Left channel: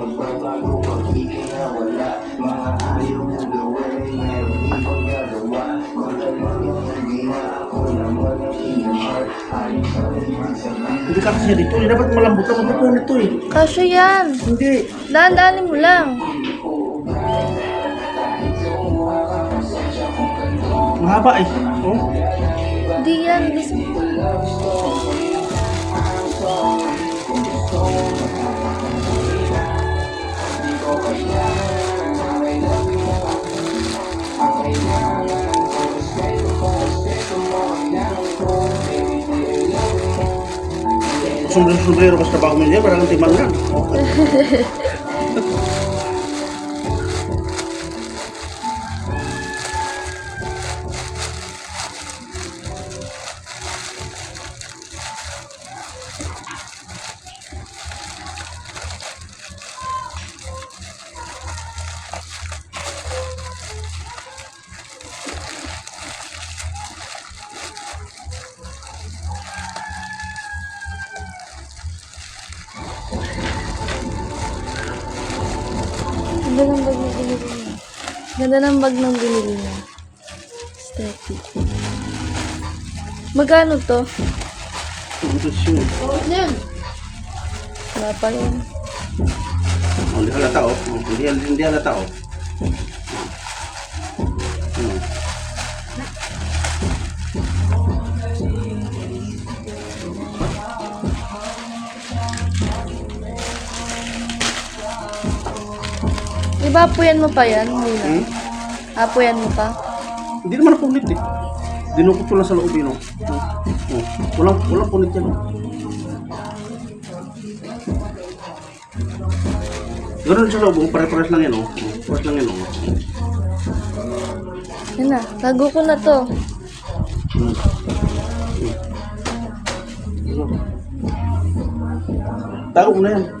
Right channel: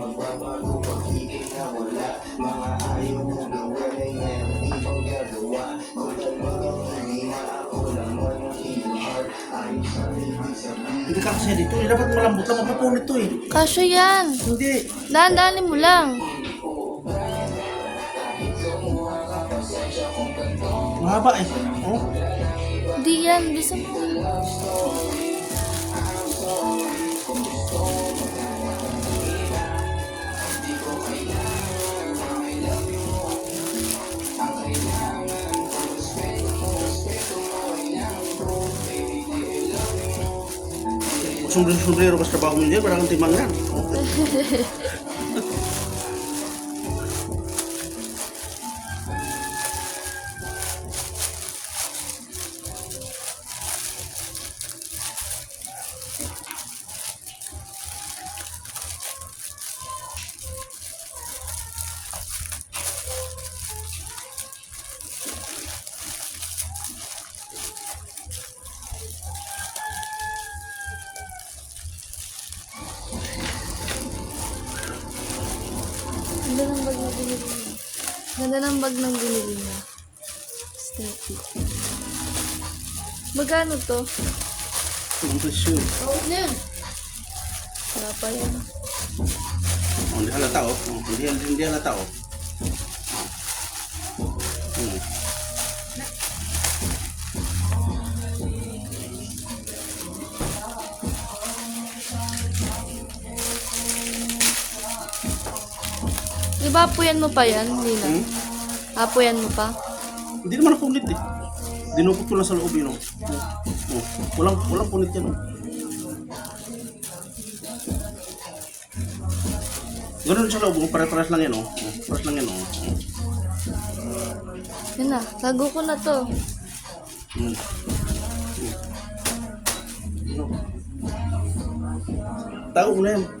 magbabago pag-ibig na wala. Mga ayaw kong gawin, meron ibang gagawa. Wala mga hindi na ako naman ang iyong heart. Ayos sa ibig sabihin. Hindi ka kasi dito, dapat malambot na mapupunit to eh. Kasya yan. Hindi. Daan-daanin mo lang. Mahaba eh. Oh. Hindi yan. Basta Sombrero mas trabaho mo niya, parang timang yan. Oh. ganda ng bag ng binili niya. Aesthetic. Magkano to? Yan. Wala pa yan. Hindi halata oh. Hindi halata oh. Diba apuyan mo pa yan? Hindi na. Apuyan mo pa? Hindi naman punit eh. Dinukot ko lang sa loob yun oh. Oh. Walang punit yan oh. Ganoon sa loob, pare-pares lang yan oh. Pares lang yan oh. Yan na, lago ko na to. Tago mo na yan.